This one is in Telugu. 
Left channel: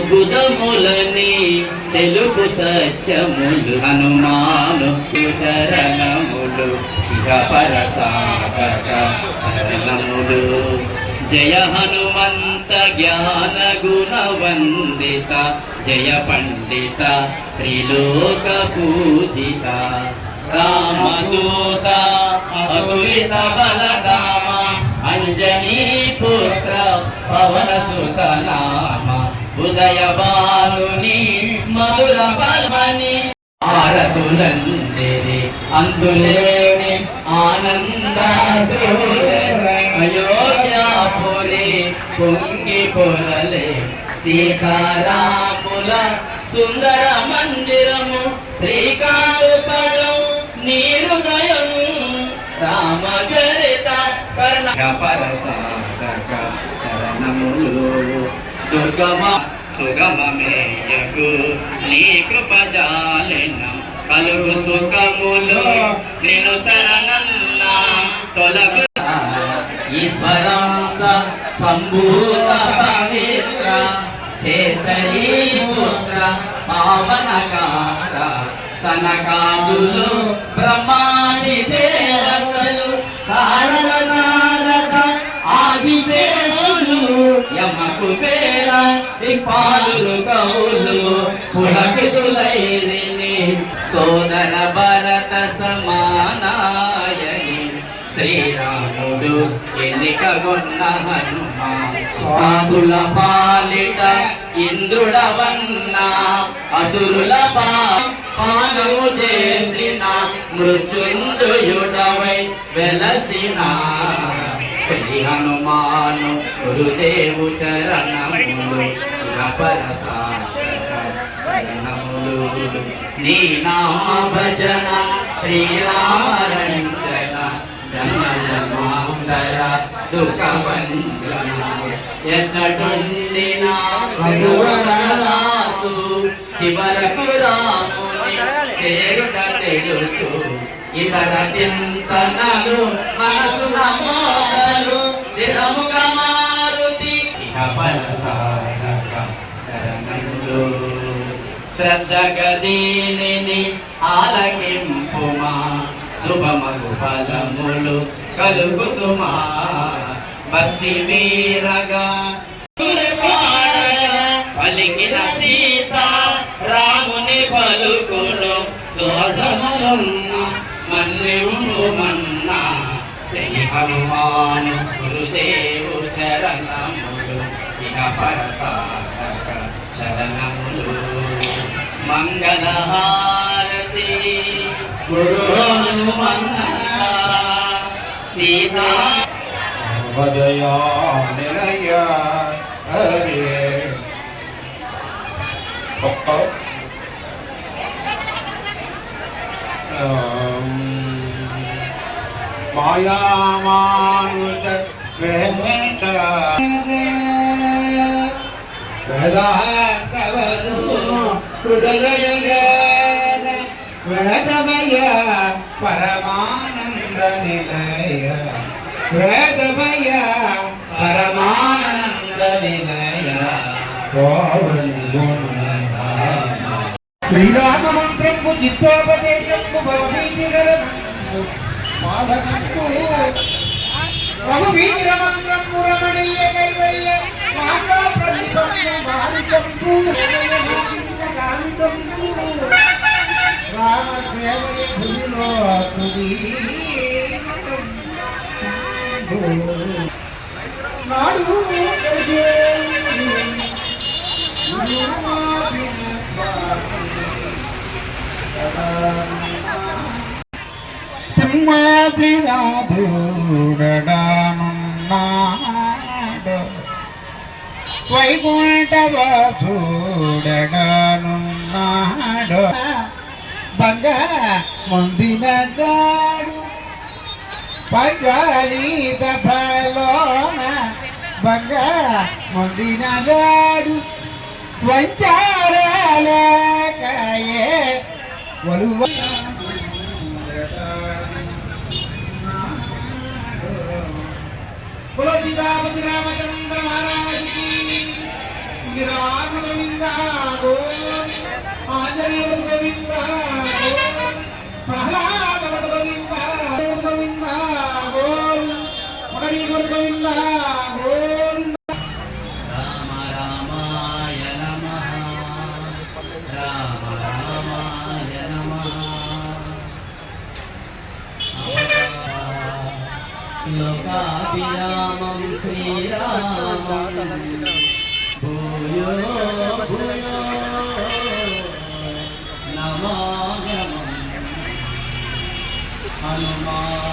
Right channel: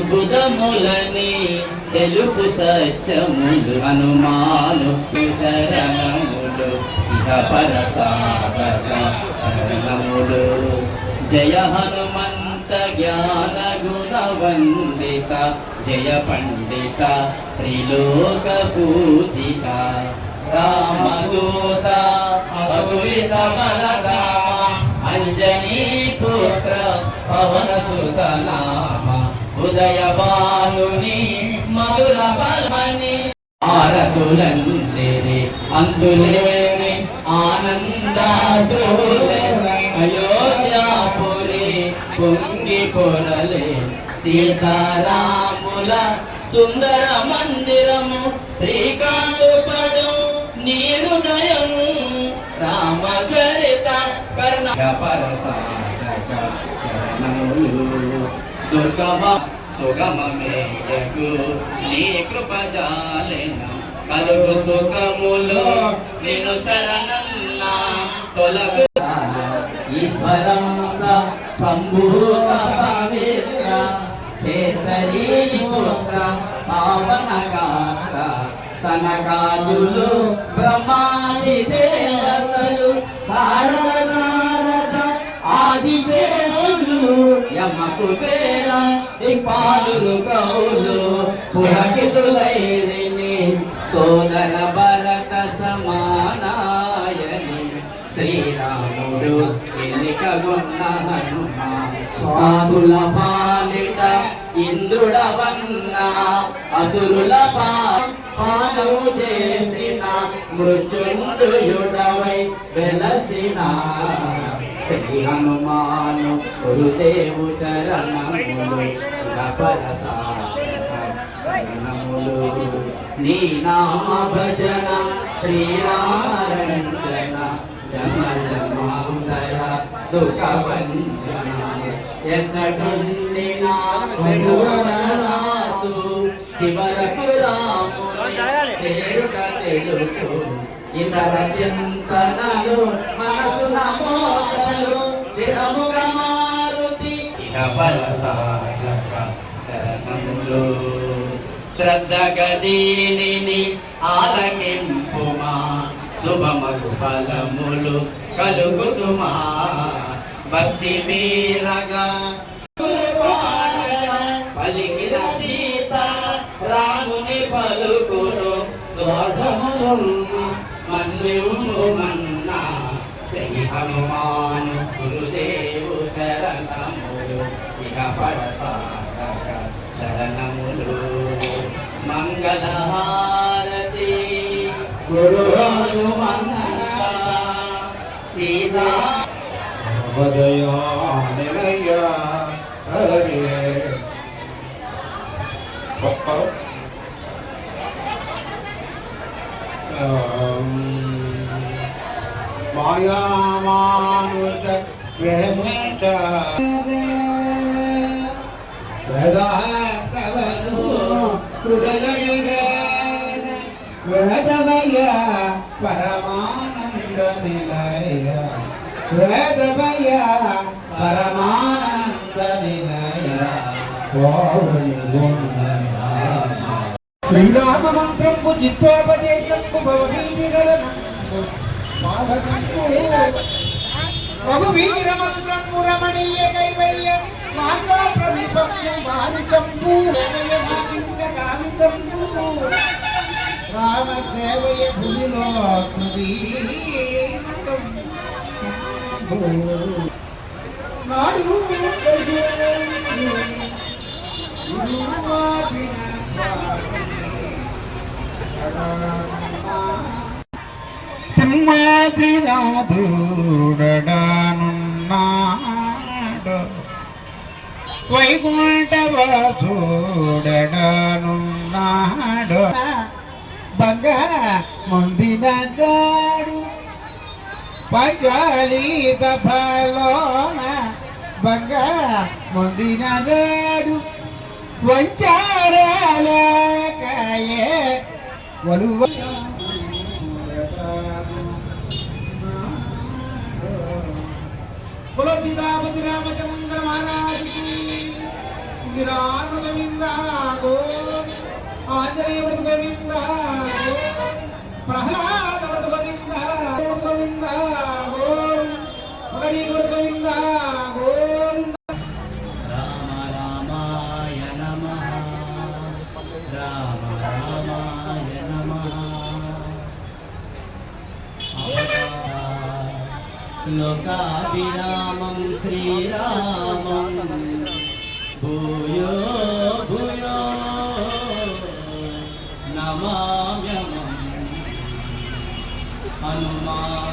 గుద్గుదములని తెలుపు సత్యములు హనుమాను చరణములు ఇహ పరసాధక చరణములు. జయ హనుమంత జ్ఞాన గుణ వందిత జయ పండిత త్రిలోక పూజిత రామదూత అతులిత బలగామ అంజనీ పుత్ర పవన సుత నామ ఉదయ బాలుని మధుర బల్మని ఆరతులందిరి అంతులేని ఆనందాసురే అయోధ్యాపురి పొంగి పొరలే సీతారాముల సుందర మందిరము శ్రీకాంతపదం నీ హృదయం రామచరిత కర్ణ పరసాధక చరణములు దుర్గమ సుగమమేయకు నీ కృప జాలెన కలుగు సుఖములు నిన్ను శరణన్న తొలగు ఈశ్వరం సంభూత పవిత్ర కేసరీ పుత్ర పావనకార సనకాదులు బ్రహ్మాది దేవతలు సారద నారద ఆది దేవులు యమకు పేర దిక్పాలులు కౌలు పులకితులైరిని సోదర భరత సమానాయని శ్రీరాముడు ఎన్నికగొన్న హనుమ సాధుల పాలిట ఇంద్రుడవన్న అసురుల పానము చేసిన మృత్యుంజయుడవై వెలసిన శ్రీ హనుమాను గురుదేవు చరణములు పరసారణములు నీ నామ భజన శ్రీరామరంజన జన్మజన్మాంతర దుఃఖభంజన ఎచ్చటుండిన భగవరాసు చివరకు రాముని చేరుట తెలుసు ఇతర చింతనలు మనసున మోదలు స్థిరముగా మారుతి ఇహ పరసాధక చరణములు శ్రద్ధగా దీనిని ఆలకింపుమా శుభమగు ఫలములు కలుగు సుమా భక్తి వీరగా పలికిన సీత రాముని పలుకును దోధనలున్న మన్నివు మన్నా శ్రీ హనుమాను గురుదేవు చరణములు ఇహ పరసాధక చరణములు మంగళహారతి గురు హనుమంత సీతా భజయా నిలయ హరే మాయామానుష వేద వేదమయ పరమానంద నిలయ వేదమయ పరమానంద నిలయ శ్రీరామ మంత్రము చిత్తోపదేశము భవనీకరణము మాధకంపు రఘువీర మంత్రము రమణీయ కైవల్య మాంగా ప్రతిపక్షు మానికంపు కామికంపు రామ సేవయ భూమిలో తుది నాడు సింహాద్రినాథుడనున్నాడు వైకుంఠవాసుడనున్నాడు బంగార ముందినాడు పంచాలీత ఫలోన బంగార ముందినాడు వంచారలకాయే వలువ बोलो सीतापति रामचंद्र महाराज की राम गोविंदा गोविंद आंजनेय गोविंदा गोविंद प्रहलाद गोविंदा गोविंदा गोविंद गोविंदा गोविंद రామ రామాయ నమః రామ రామాయ నమః లోకాభిరామం శ్రీరామం భూయో భూయో నమామ్యహం హనుమాన్